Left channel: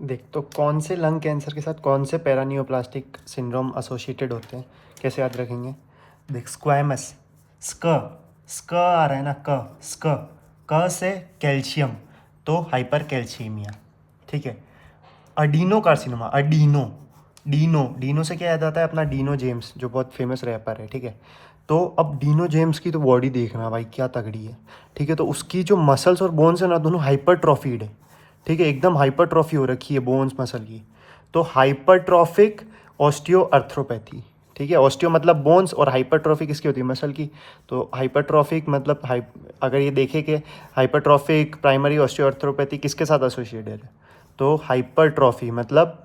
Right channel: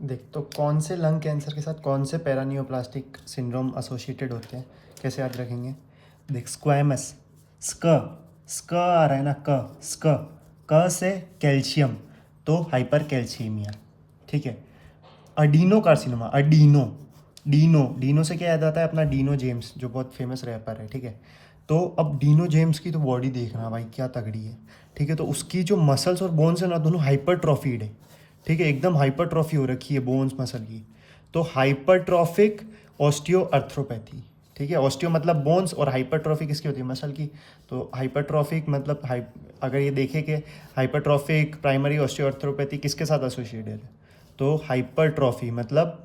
देख, तो कौन से लंग कैंसर के साथ कौन से पैरानियोप्लास्टिक सिंड्रोम एसोसिएटेड होते हैं, कैसे याद रखेंगे? देख, स्क्वैमस, स्क स्क आ रहा है ना, क से कैल्शियम, तो हाइपर कैल्शियमिया। ठीक है। अडीनो कार्सिनोमा, डीनो से क्या याद आता है? अपना डीनो जेम्स, जो बहुत फेमस रैपर है। ठीक है। तो अब डीनो जेम्स की तो बॉडी देखना भाई, क्या तगड़ी है। ठीक है। तो उसकी जो मसल्स और बोन्स है ना, दोनों हाइपरट्रॉफीड है। ठीक है, एकदम हाइपरट्रॉफी हो रखी है बोन्स मसल की। तो हाइपरट्रॉफिक ऑस्टियोआर्थ्रोपैथी। ठीक है। ऑस्टियो मतलब बोन्स और हाइपरट्रॉफिक किसकी होती है? मसल की। तो हाइपरट्रॉफिक मतलब अगर ये देखें कि हाइपरट्रॉफिक प्राइमरी ऑस्टियोआर्थ्रोपैथी किसके साथ एसोसिएटेड है, तो हाइपरट्रॉफी मतलब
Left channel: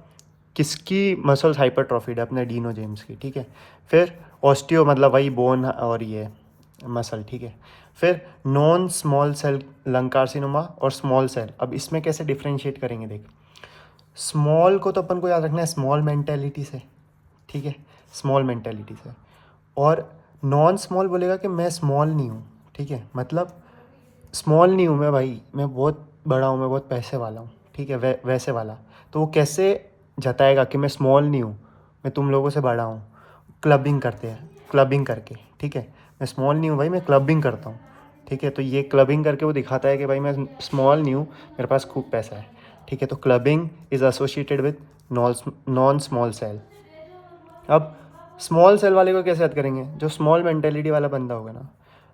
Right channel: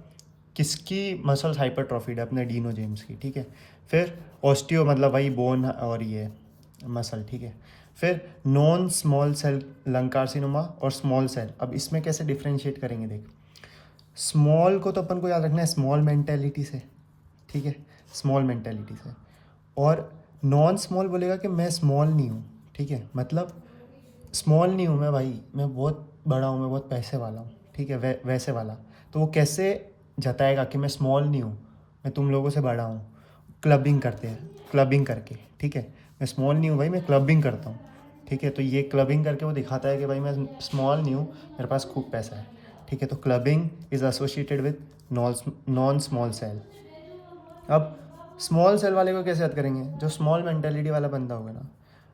किसकी मसल्स हाइपरट्रॉफीड है? अपने डीनो जेम्स की। ठीक है। फिर ऑस्टियो मतलब वही बोन और ये मसल। ठीक है। फिर non small cell lung carcinoma और स्मॉल सेल, अब इसमें कैसे डिफ्रेंशिएट करेंगे? देख, स्मॉल को तो अपन को याद रखना है स्मॉल मेंटेलिटी से। ठीक है, स्मॉल मेंटेलिटी से। और नॉन स्मॉल बोलेगा कि मैं स्मॉल नहीं हूँ। ठीक है, मतलब स्मॉल नहीं हूँ मैं भाई, मैं बहुत बड़ा हूँ, मैं बहुत पैसे वाला हूँ। ठीक है, वैसे वाला। तो वो कैसे जताएगा कि मैं स्मॉल नहीं हूँ, मैं तुम लोगों से बड़ा हूँ? क्लबिंग करते हैं, क्लबिंग करके। ठीक है, मैं स्मॉल नहीं हूँ भाई, मैं क्लबिंग करता हूँ। ठीक है, तो ये क्लबिंग करके वो दिखाता है कि भाई मैं स्मॉल नहीं हूँ, मेरे पास खूब पैसा है। ठीक है, तो clubbing is associated with non small cell. अब स्मॉल सेल वाले को कैसे याद करेंगे? जो स्मॉल मेंटेलिटी वाला बंदा होगा ना,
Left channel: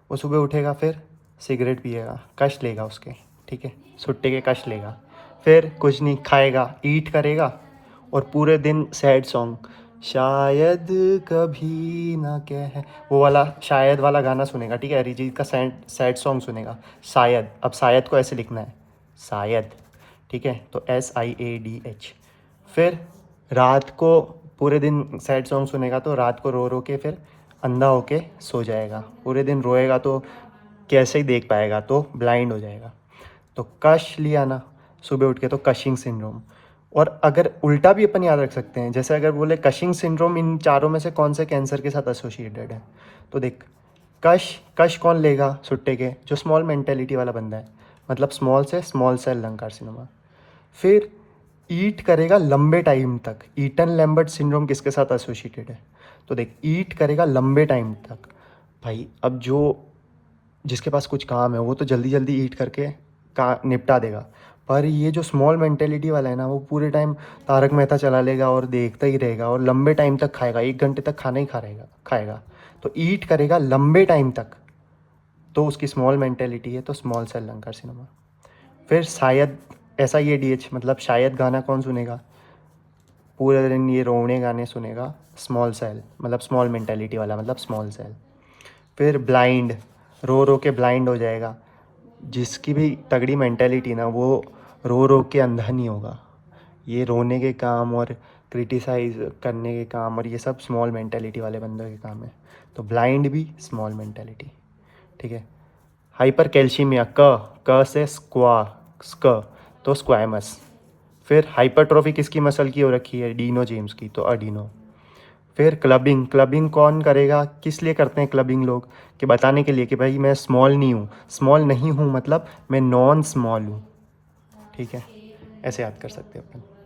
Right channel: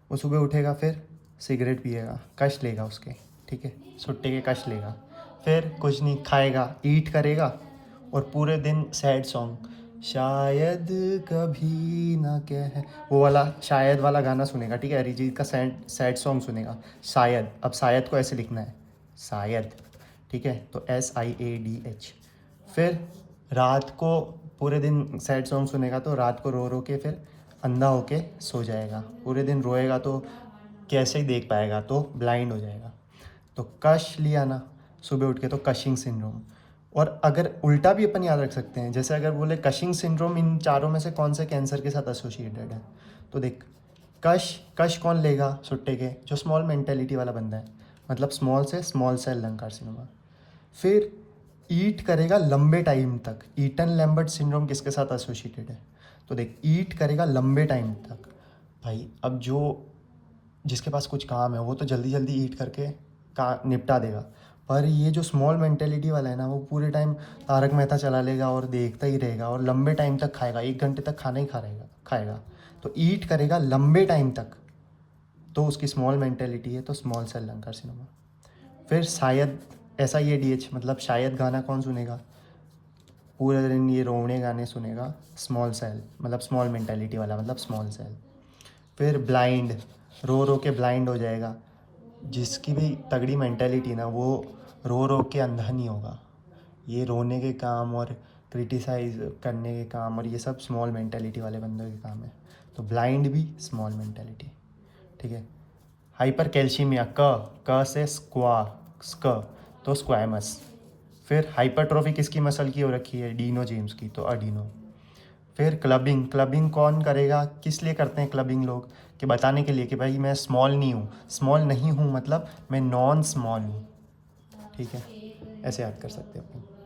वो सुबह उठेगा, फिर सिगरेट पिएगा, कश लेगा उसके। ठीक है, सुट्टे के कश लेगा, फिर कुछ नहीं खाएगा, ईट करेगा, और पूरे दिन सैड सॉन्ग, शायद कभी ना कह, वो वाला शायद वाला गाना सुनेगा। ठीक है, अरिजीत का सैड सैड सॉन्ग सुनेगा, शायद। अब शायद को ऐसे लिखना है, शायद। ठीक है, तो SIADH। फिर रात को पूरे दिन सैड सॉन्ग सुनेगा, तो रात को रो रो के फिर अंधा होके सो जाएगा। पूरे दिन रोएगा तो कैसे ही देख पाएगा, तो ब्लाइंड हो जाएगा। तो कश लिया ना सुबह उठ के, तो कशिंग सिंड्रोम। और अगर उल्टा भी अपन याद रख सकते हैं, जैसे अगर बोले कशिंग सिंड्रोम इन चारों में से कौन से कैंसर के साथ एसोसिएटेड है, तो देख, कश कश कौन लेगा सुट्टे के? जो स्मॉल मेंटेलिटी वाला बंदा है, मतलब स्मॉल से स्मॉल सेल लंग कार्सिनोमा। फिर ईट करेगा लंबे टाइम तक, ईटन लैम्बर्ट सिंड्रोम किसके साथ एसोसिएटेड है? तो देख, ईट करेगा लंबे टाइम तक भाई। अब जो जिसके पास कुछ काम है वो तो जल्दी जल्दी ईट करके का निपटा देगा, पर ये जो स्मॉल मेंटेलिटी वाला है ना, वो पूरे टाइम तारक मेहता चला लेगा और देखता ही रहेगा, और लंबे टाइम तक खाएगा, 1 घंटे तक खाना ही खाएगा। तो ईट करेगा लंबे टाइम तक, तो उसकी स्मॉल मेंटेलिटी है, तो स्मॉल सेल लंग कार्सिनोमा। फिर शायद, SIADH मतलब शायद गाना कौन सुनेगा? पूरे दिन ये रोने गाने सुनेगा, स्मॉल सेल मतलब स्मॉल मेंटेलिटी वाला, मतलब स्मॉल सेल। फिर ब्लाइंड, रो रो के ब्लाइंड हो जाएगा। जिसकी भी तगड़ी मेंटेलिटी ना, वो रो रो के अंधा नहीं होगा। ये रोने के काम और क्रिटिसाइज करने के काम और ये सब स्मॉल मेंटेलिटी वाले बंदों के काम है। तो ब्लाइंड भी स्मॉल मेंटेलिटी। ठीक है। हाइपर कैल्शियमिया, क से स्क, तो स्क्वैमस। फिर हाइपरट्रॉफी किसकी मसल की हो रखी है? डीनो जेम्स की, तो अडीनो। फिर क्लबिंग, क्लबिंग कौन करेगा? किस लिए करते हैं क्लबिंग लोग? कि बताने के लिए कि भाई मैं स्मॉल नहीं हूँ, स्मॉल नहीं हूँ मतलब मैं नॉन स्मॉल हूँ। ठीक है, ऐसे याद कर सकते हैं अपन।